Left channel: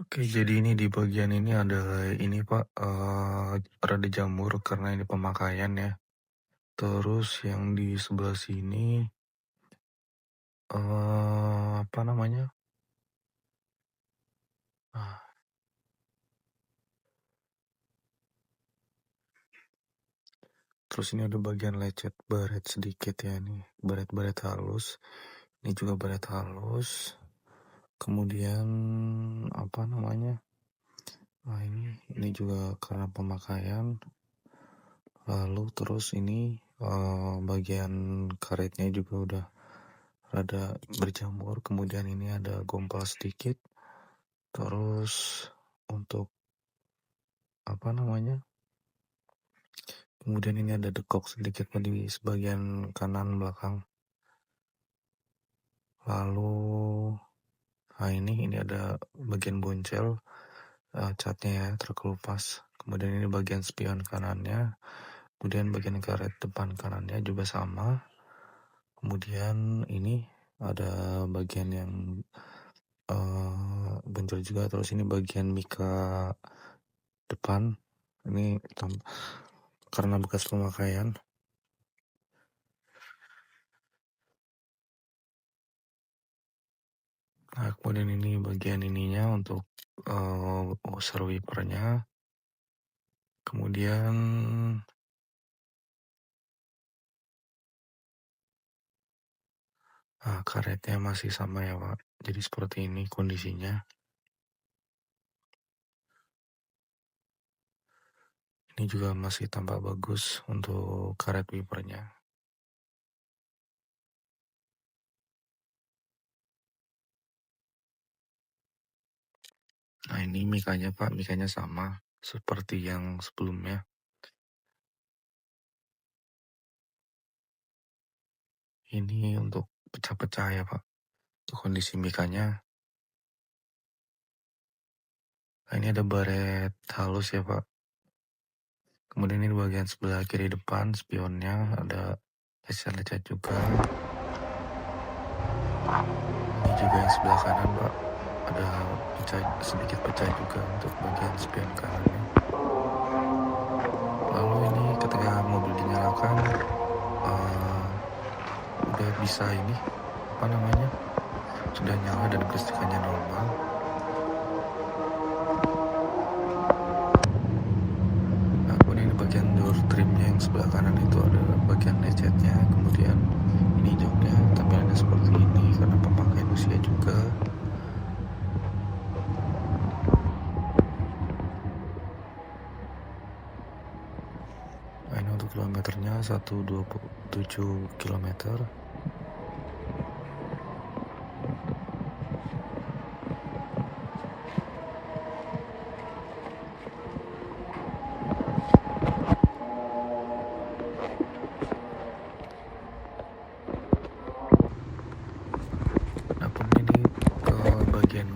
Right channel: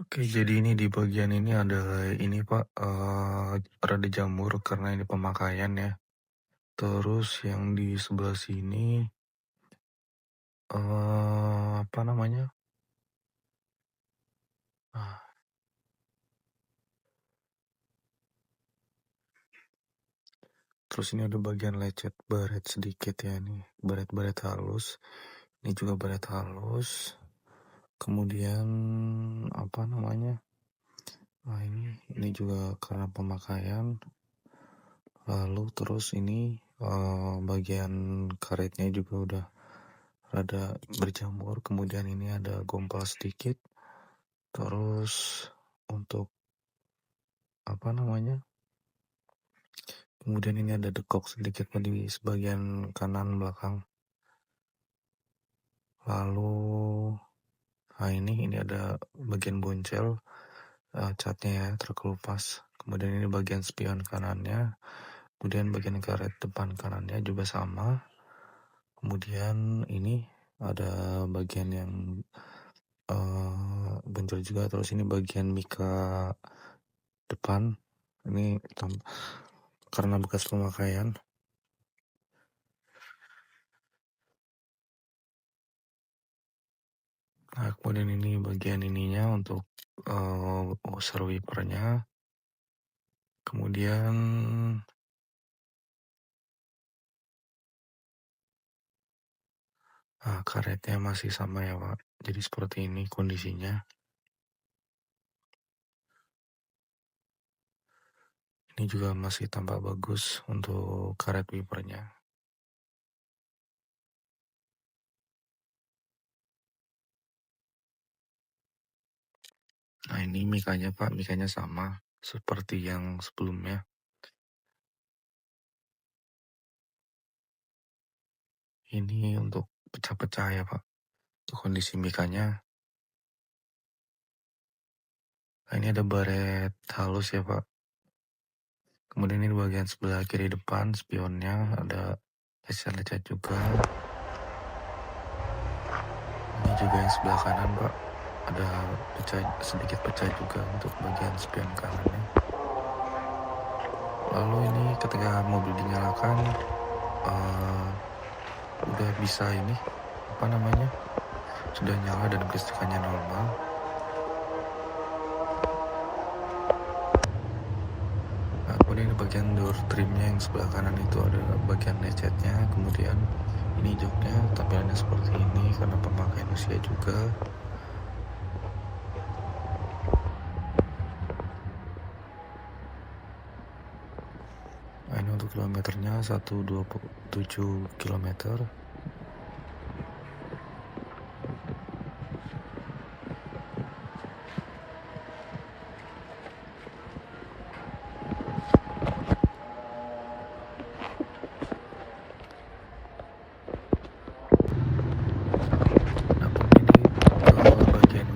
Oke, jadi ini di bagian ini ada ini Pak, rada jamur karena ini pemakaian ya. Terus yang di sebelah sini, apa namanya, ah, terus ini ada bagian lecet baret sedikit ya nih, baret-baret halus. Ini juga baret halus. Kemudian apa namanya, ini juga karena pemakaian. Lalu terus ini, bagian karetnya juga udah rada berjamur, kemudian ini ada gompal sedikit. Terus untuk apa namanya, kemudian ini ada dekok sedikit di sebagian kanan belakang. Lalu ini ada bagian boncel, catnya ya terkelupas. Kemudian ini bagian spion kanannya, kemudian bagian karet depan kanannya juga sama. Kemudian ini ada bagian yang boncel juga. Terus ini bagian mika depan, ini karena bekas pemakaian. Nah, kemudian ini bagian ininya untuk washer wipernya. Kemudian karetnya masih sama ya Pak. Jadi seperti ini kondisinya. Ini juga masih tampak bagus untuk karet wipernya. Nah, ini mikanya Pak, mikanya sama seperti yang sebelumnya. Ini untuk pecah-pecah ya Pak. Untuk kondisi mikanya. Nah, ini ada baret halus ya Pak. Kemudian ini bagian sebelah kiri depan spionnya ada lecet-lecet juga. Ini juga yang sebelah kanan Pak, ada sedikit pecah juga untuk bagian spion kanannya. Lalu ini ketika mobil dinyalakan, udah bisa ini sudah nyala dan kelistrikannya normal. Nah, kemudian ini bagian door trimnya yang sebelah kanan itu ada bagian lecetnya. Kemudian ini joknya tampilannya seperti ini karena pemakaian usia juga. Nah, ini untuk kilometernya 127 km.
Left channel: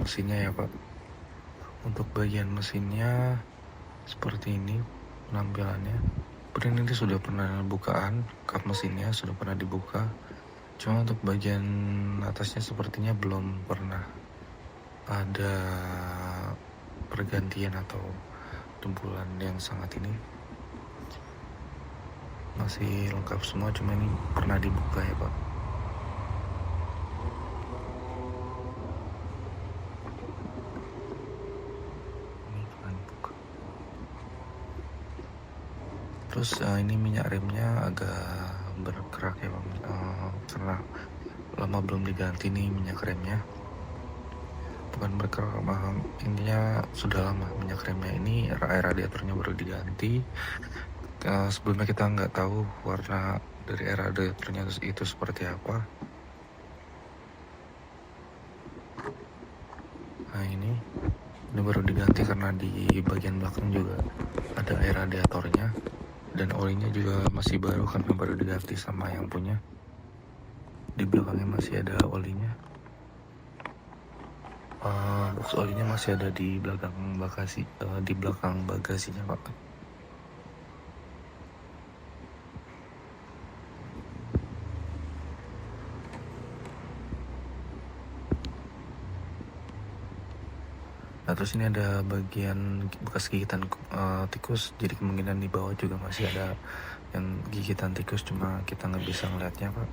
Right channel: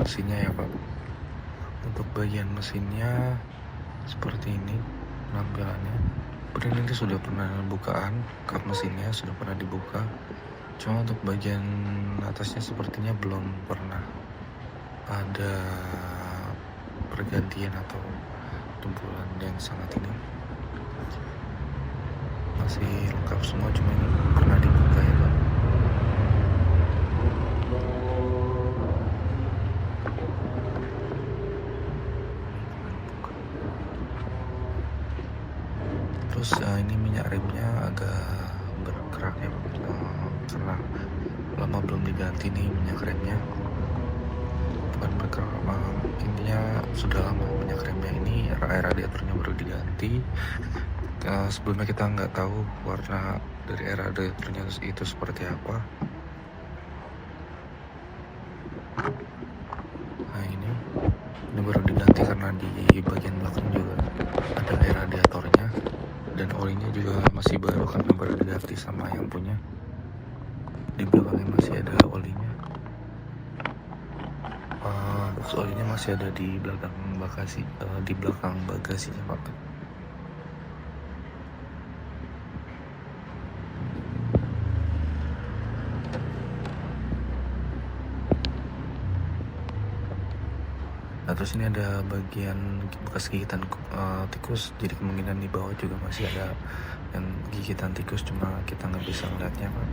Mesinnya ya Pak. Untuk bagian mesinnya seperti ini penampilannya. Kemudian ini sudah pernah bukaan, kap mesinnya sudah pernah dibuka. Cuma untuk bagian atasnya sepertinya belum pernah ada pergantian atau tempuran yang sangat ini. Masih lengkap semua, cuma ini pernah dibuka ya Pak. Terus ini minyak remnya agak bergerak ya Pak, karena lama belum diganti nih minyak remnya. Bukan bergerak, intinya sudah lama minyak remnya ini, radiatornya baru diganti. Sebelumnya kita nggak tahu warna dari radiatornya itu seperti apa. Nah, ini baru diganti karena di bagian belakang juga ada air radiatornya. Dan olinya juga masih baru karena baru diganti sama yang punya. Di belakangnya masih ada olinya. Box olinya masih ada di belakang bagasinya Pak. Nah terus ini ada bagian bekas gigitan tikus, jadi kemungkinan di bawah juga masih ada yang gigitan tikus, cuma kita nggak bisa ngeliatnya Pak.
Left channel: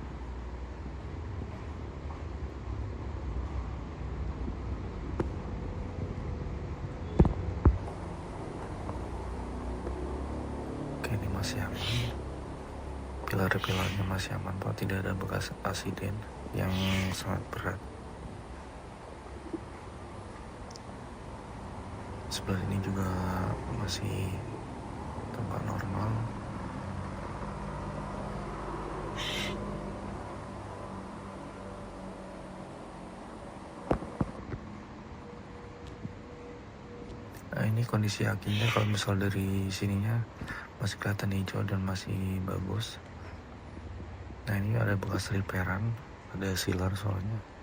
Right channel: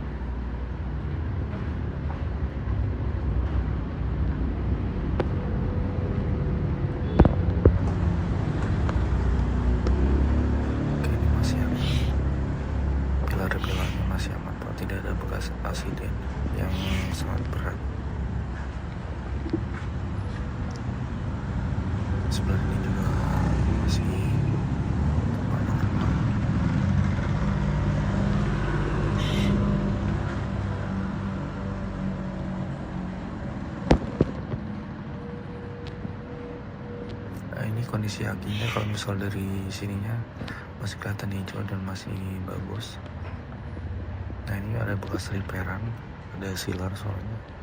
Oke, ini masih aman, pilar-pilarnya masih aman Pak, tidak ada bekas asiden yang sangat berat. Sebelah ini juga masih tampak normal. Nah ini kondisi akinya, kalau misal dari sininya masih kelihatan hijau dan masih bagus. Nah ini ada bekas repairan, ada sealer soalnya.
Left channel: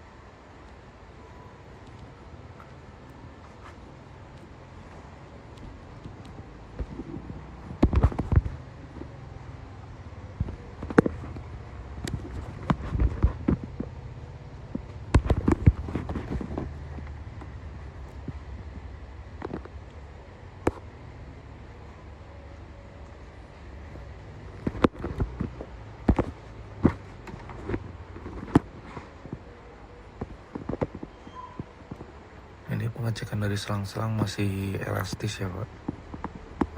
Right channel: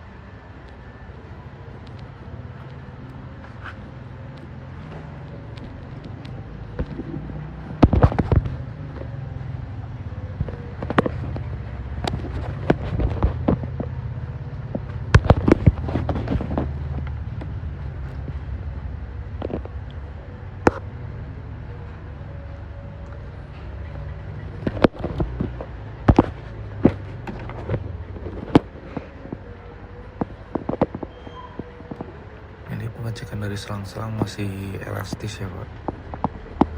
Ini pengecekan dari selang-selang masih elastis ya Pak.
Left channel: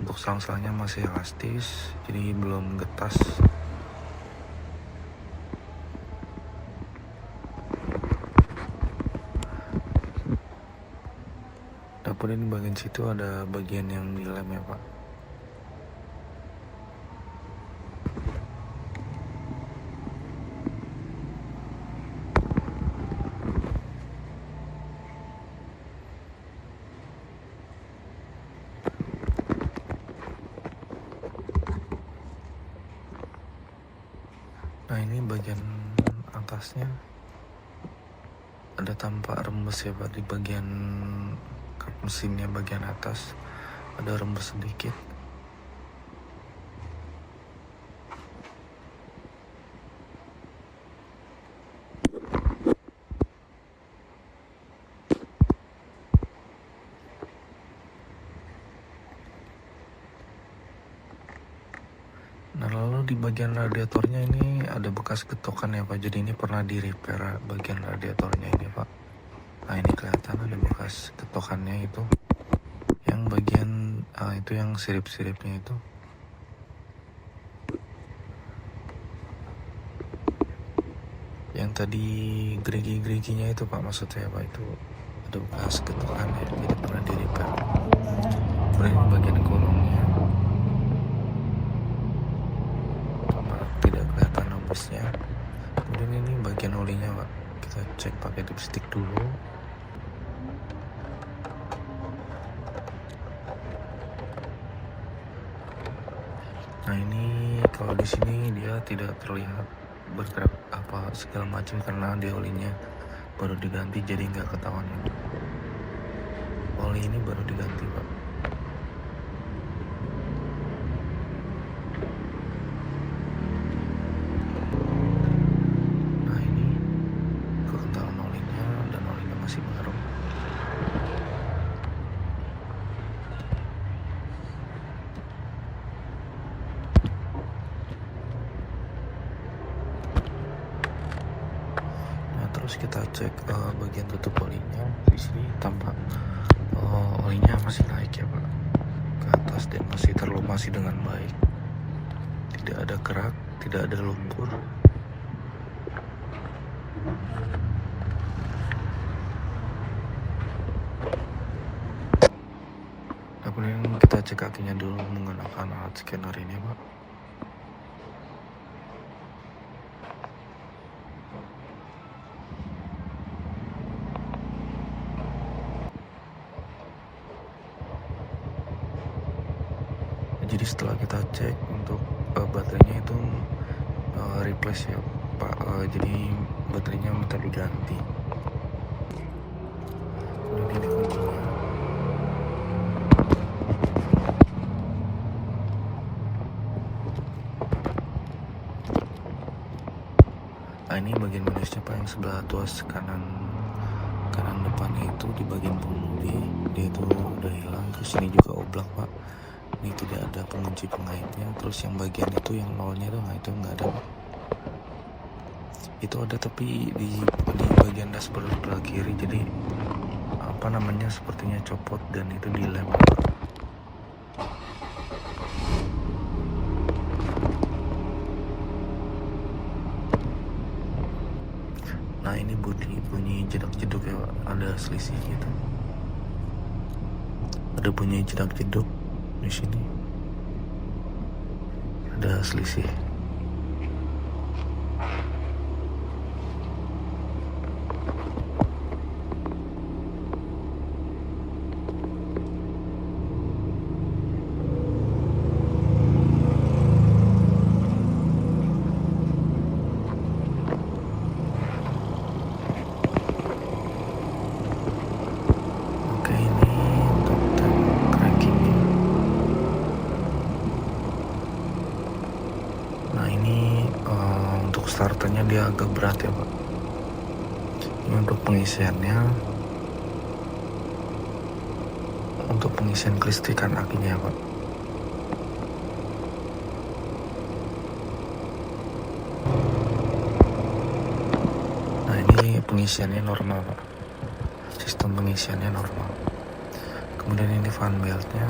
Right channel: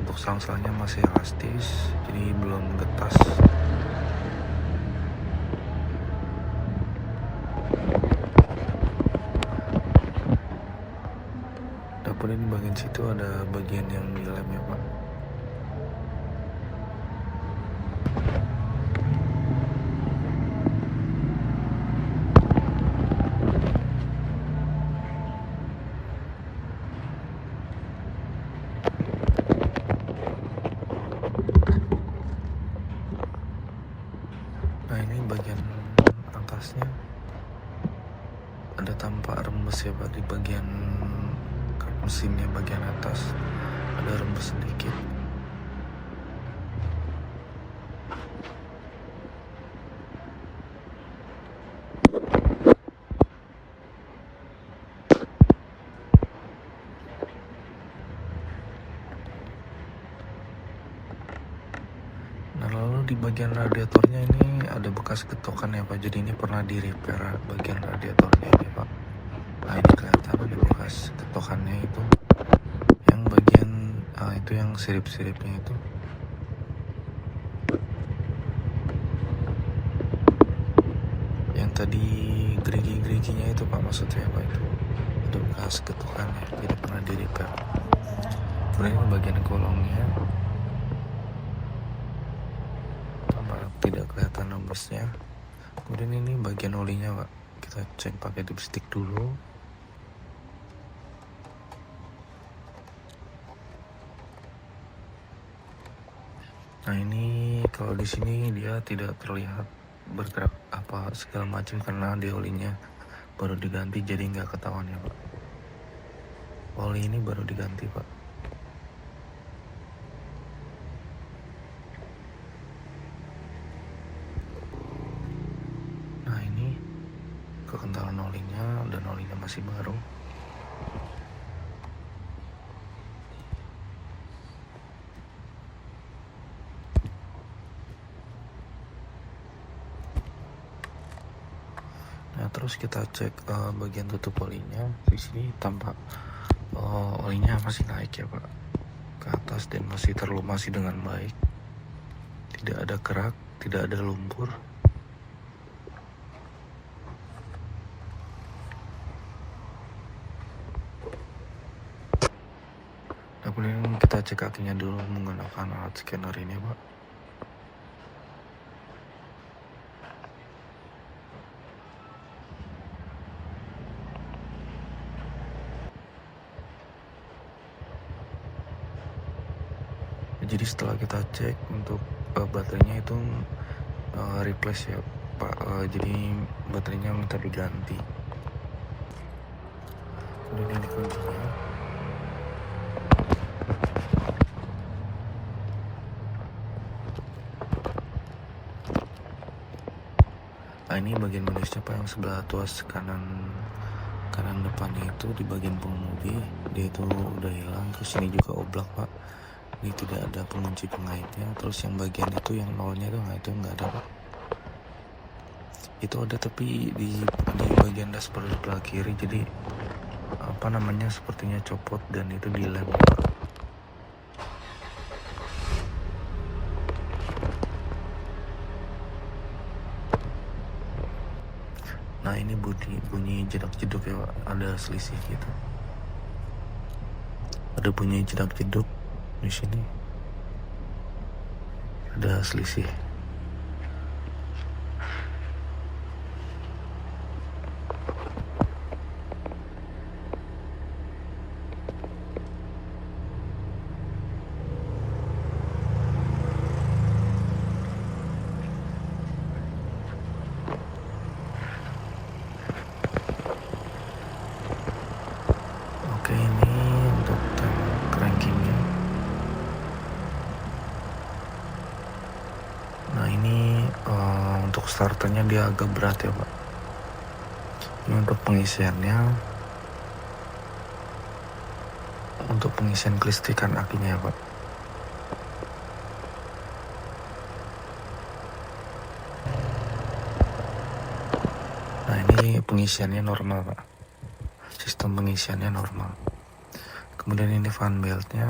Untuk selang-selangnya masih elastis, jadi belum getas. Dapur ini bagian situ ada bagian yang dilem ya Pak. Nah ini bagian atasnya ada tampak rembes ya Pak, di bagian kap mesinnya bagian atas ada rembes sedikit. Nah lalu di bagian radiatornya ini ada bekas getokan ya Pak, jadi ini pernah di repair bagian radiatornya ini Pak. Nah ini kelihatan ada bekas getokannya itu, yang bagian itu yang sirip-siripnya itu. Yang tadi gerigi-geriginya itu Pak, maksudnya Pak, itu ada bekas getokannya, jadi pernah di repair. Kemudian ini bagian golongnya tidak kelihatan nomornya. Kemudian ini bagian olinya Pak, kita cek pakai dipstick dulu. Nah ini kalau di sini dia tidak terlihat bergerak apa segala macam karena di olinya baru diganti, jadi nggak ketahuan ya Pak. Oli ini baru diganti Pak. Kekentalan olinya, dan olinya masih baru. Nah terus kita cek bagian tutup olinya. Di sini tampak olinya masih naik ya Pak ke atas dan masih terlumasi dengan baik. Tidak ada kerak, tidak ada lumpur. Nah kemudian kita cek kakinya dulu menggunakan alat scanner ini Pak. Jadi setelah kita cek untuk baterainya itu replace ya Pak, jadi baterainya minta diganti. Kemudian ini kuncinya. Nah ini bagian minusnya Pak, yang sebelah tuas kanan kanan depannya itu di bagian pengemudi dia itu udah hilang. Terus ini juga oblak pak, ini tidak ada pengunci pengaitnya. Terus yang bagian itu yang nolnya itu, nah itu nggak ada pak. Itu ada tapi di bagian dashboard sebelah kiri, jadi apa namanya sepertinya copot dan itu dilem pak. Nah ini bunyi jedak-jeduk ya pak, ada selisih gitu. Ada bunyi jedak-jeduk di sini. Ada selisih. Oke, ini untuk crankingnya. Nah ini untuk starternya dia agak berat ya pak. Ini untuk pengisiannya, untuk pengisian kelistrikan akinya ya pak. Nah ini pengisiannya normal pak, sistem pengisiannya normal. Kemudian ini fan beltnya.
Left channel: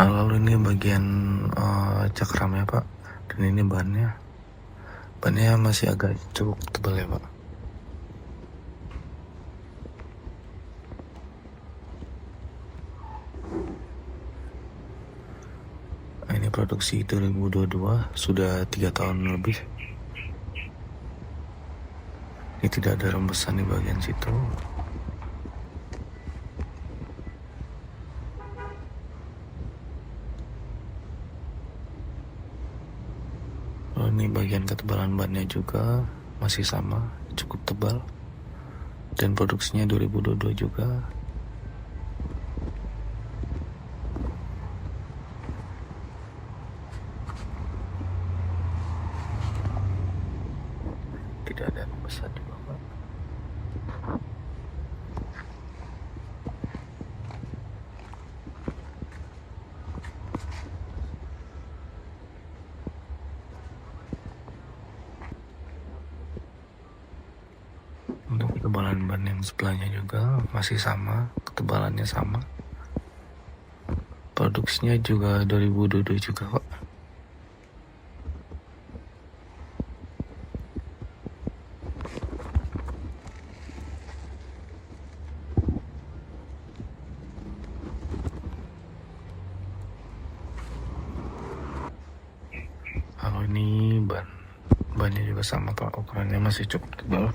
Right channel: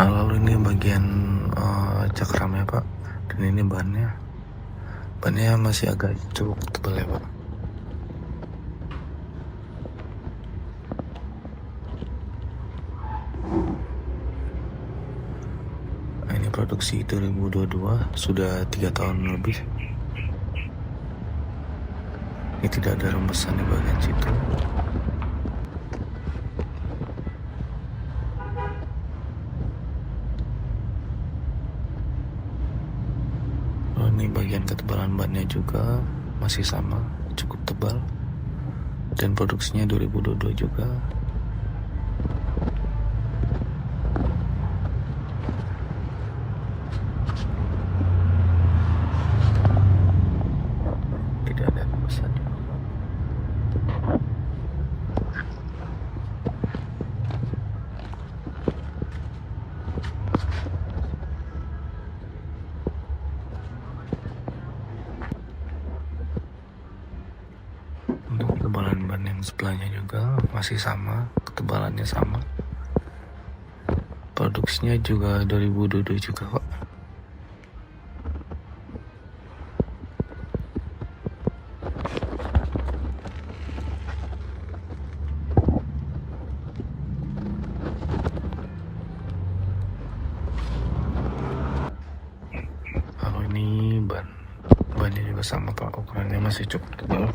Nah lalu ini bagian cakramnya pak, dan ini bannya masih agak cukup tebal ya pak. Nah, ini produksi 2022, sudah 3 tahun lebih. Ini tidak ada rembesan di bagian situ. Ini bagian ketebalan bannya juga masih sama, cukup tebal, dan produksinya 2022 juga. Tidak ada rembesan juga pak. Untuk ketebalan ban yang sebelahnya juga masih sama, ketebalannya sama. Produksinya juga 2022 juga kok. Kalau ini bannya juga sama pak, ukurannya masih cukup tebal.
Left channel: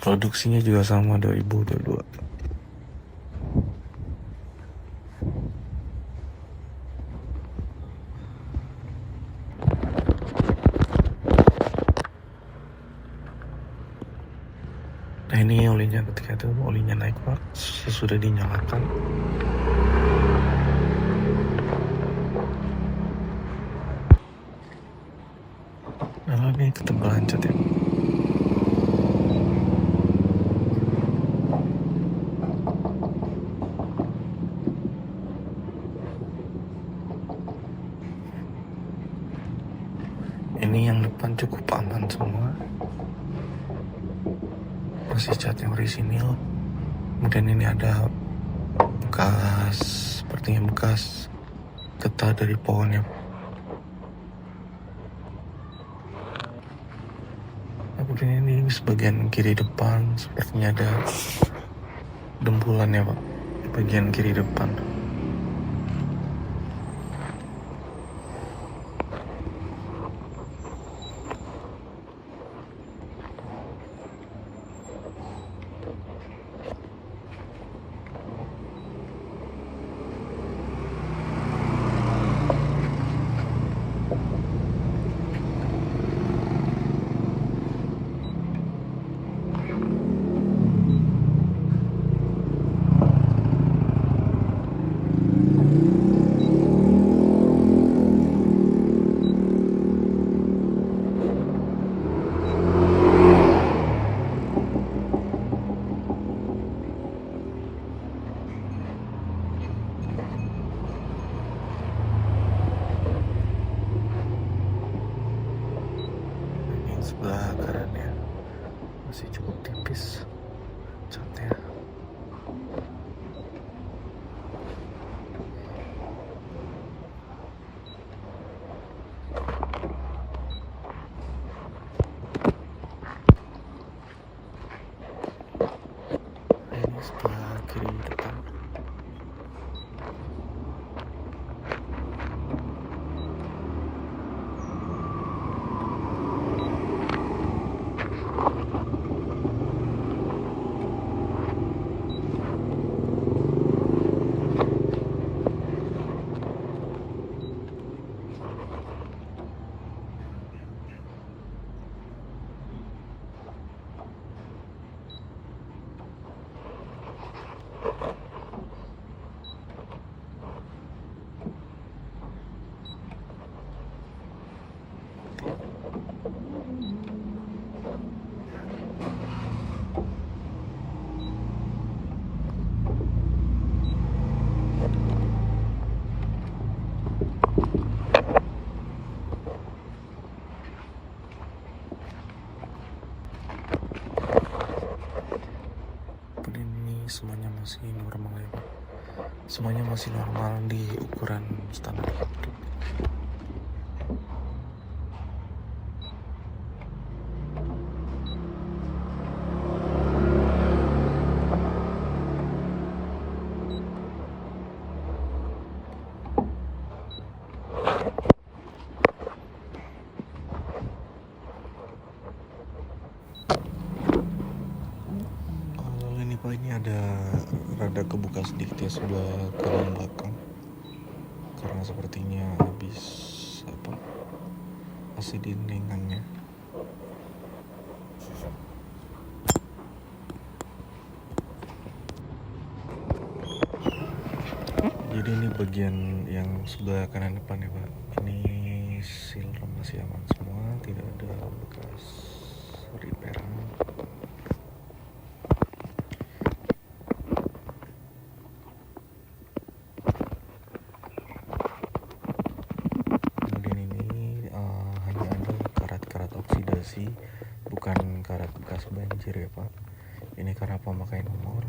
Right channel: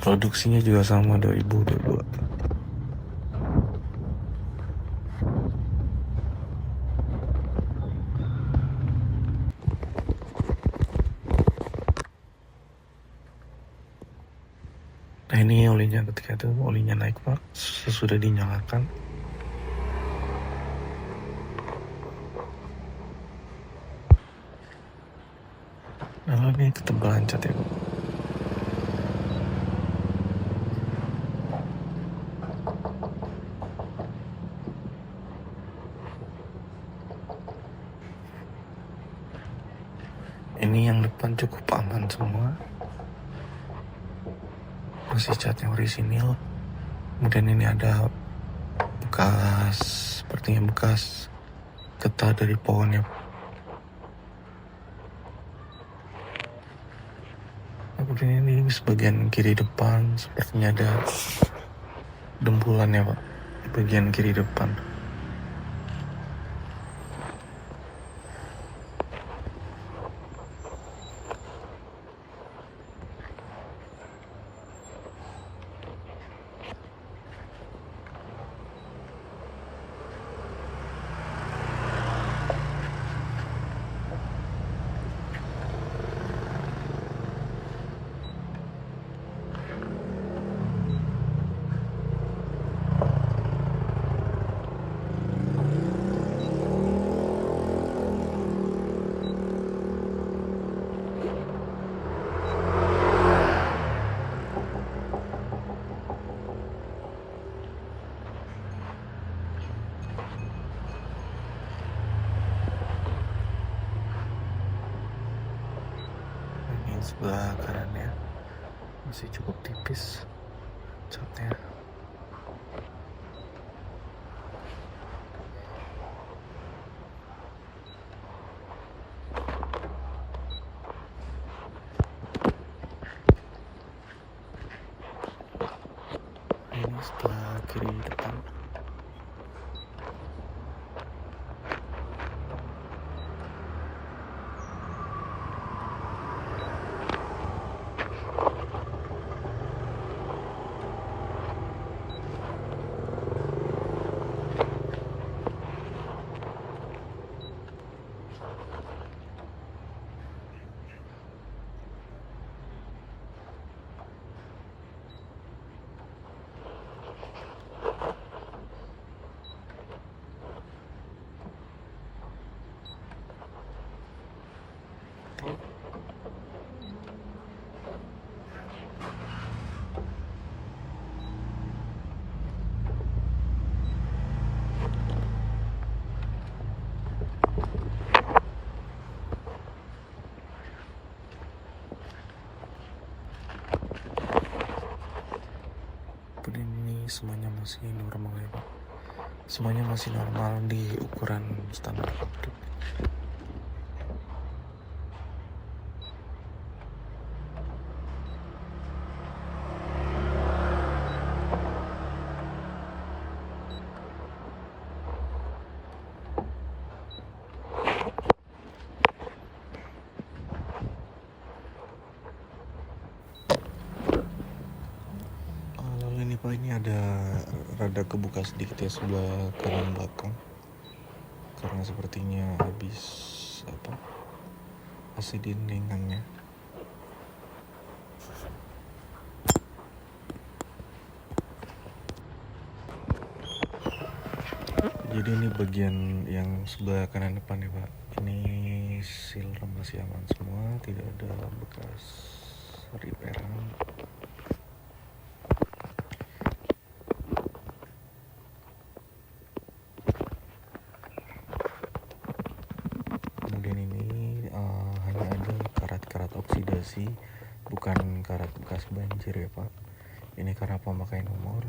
Produksinya juga sama 2022. Nah ini olinya ketika itu olinya naik pak, sesudah dinyalakan. Nah ini ketebalan cat ya pak. Ini yang depan cukup aman semua, masih cat yang orisinil. Kemudian ini ada bekas, sepertinya bekas getah dari pohonnya. Kemudian ini sebagian kiri depan sepertinya ada dempulan ya pak, bagian kiri depan. sebelah kanannya masih cukup tipis catnya. Ini sebelah kiri depan. Ini semuanya masih normal ya Pak, semuanya masih normal di ukuran standar pabrik. Pak, ini ada rada kebuka sedikit ya sebelah kanan belakang karena sepertinya habis AC dindingannya. Jadi ini bagian yang sebelah kanan depan ya Pak, ini seal masih aman semua, tidak ada bekas repairan. Oksidasi, bukan karat bekas banjir ya Pak, ini karena pemakaian nomor.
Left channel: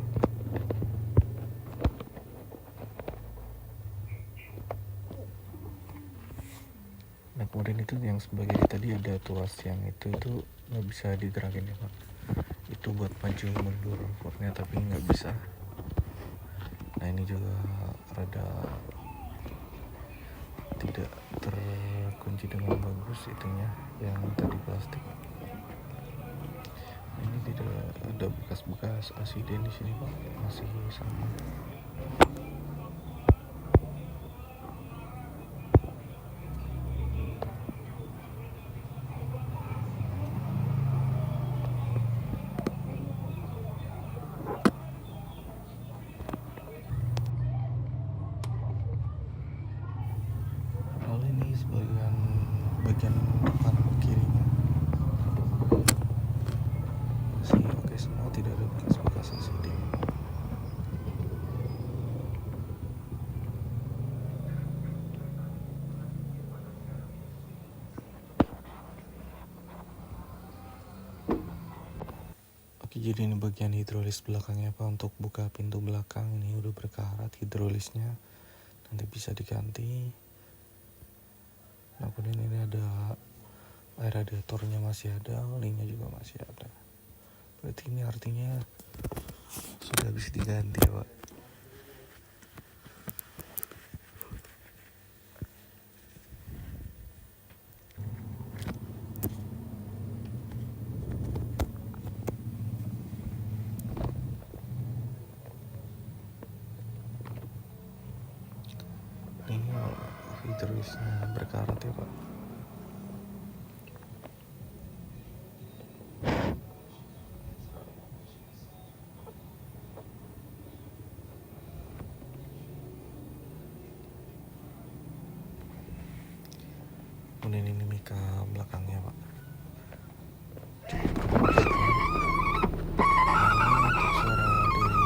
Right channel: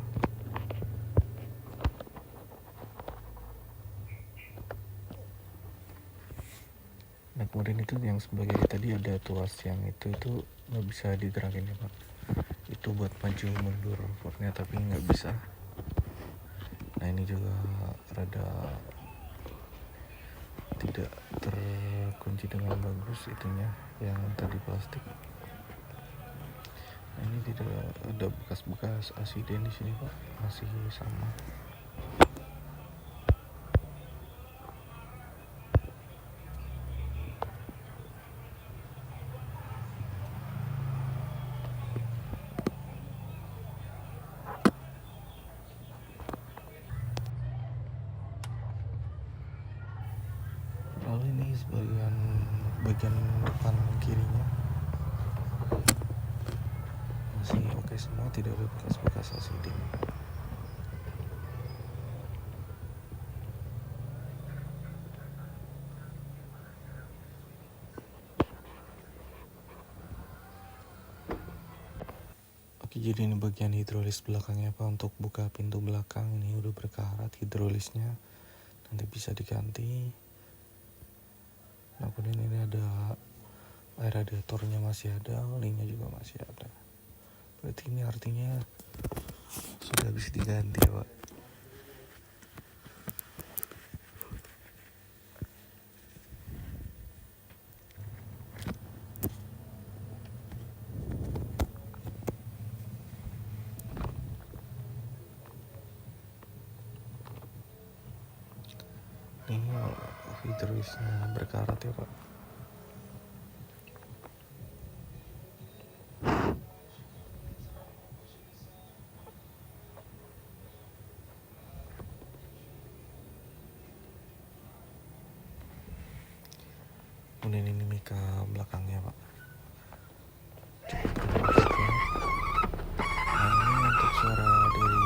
Nah kemudian itu yang sebagai tadi ada tuas yang itu nggak bisa digerakin ya Pak, itu buat maju mundur fornya tapi nggak bisa. Nah ini juga rada tidak terkunci dengan bagus itunya yang tadi plastik. Nah, ini tidak ada bekas-bekas asiden di sini Pak, masih sama. Lalu ini bagian depan kirinya masih oke semua, tidak ada bekas-bekas asiden. Oke, jadi ini bagian hidrolis belakangnya Pak, untuk buka pintu belakang ini udah berkarat hidrolisnya, nanti bisa diganti. Nah kemudian ini ada air radiatornya masih ada, olinya juga masih ada. Berarti ini artinya sudah habis diganti ya Pak. Ini hidrolisnya berkarat ya Pak. Kemudian ini mika belakangnya Pak, cukup bermanfaat. Nah ini untuk suara dari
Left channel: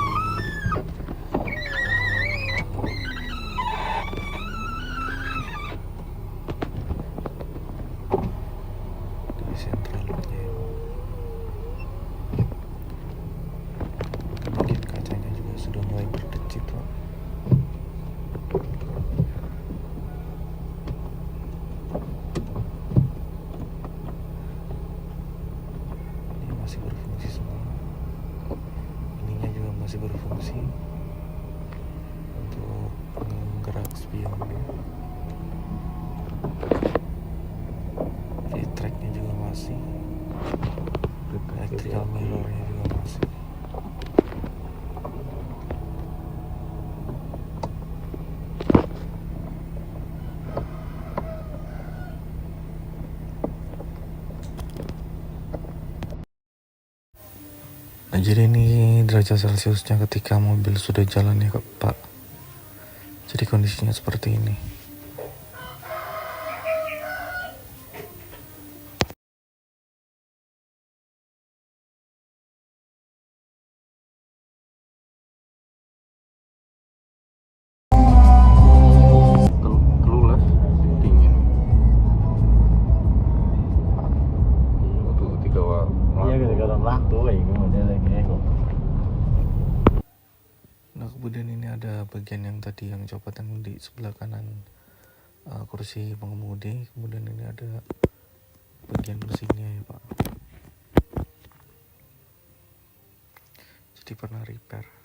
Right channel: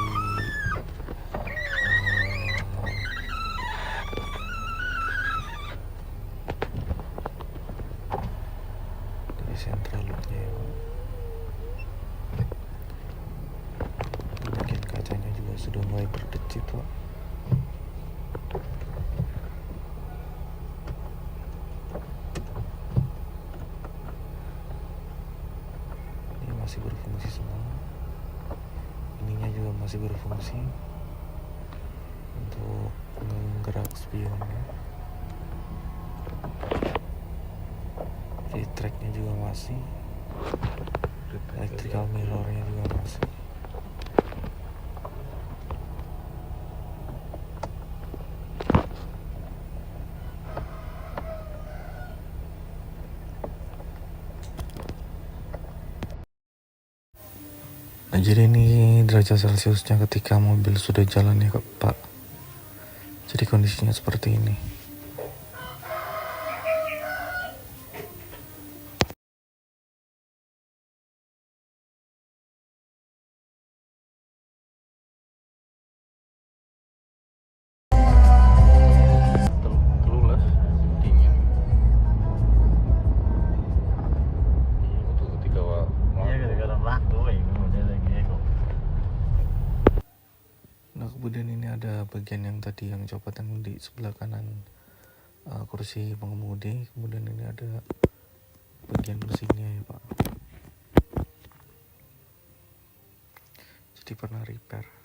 di sentral locknya ya Pak. Bagian kacanya juga sudah mulai berdecit Pak. Ini masih berfungsi semua. Ininya juga masih berfungsi untuk penggerak spionnya. Tracknya juga masih, electrical mirrornya juga masih. Nah, jadi ini derajat celciusnya ketika mobil sudah jalan ya Pak. Jadi kondisinya seperti ini. Telulas, dingin. Iya, waktu ketika Iya gara-gara lampu itu modelnya kok. Nah kemudian ini ada bagian yang tadi yang copot yang di sebelah kanan kursi pengemudi. Kemudian ini ada bagian mesinnya ya Pak. Jadi pernah repair.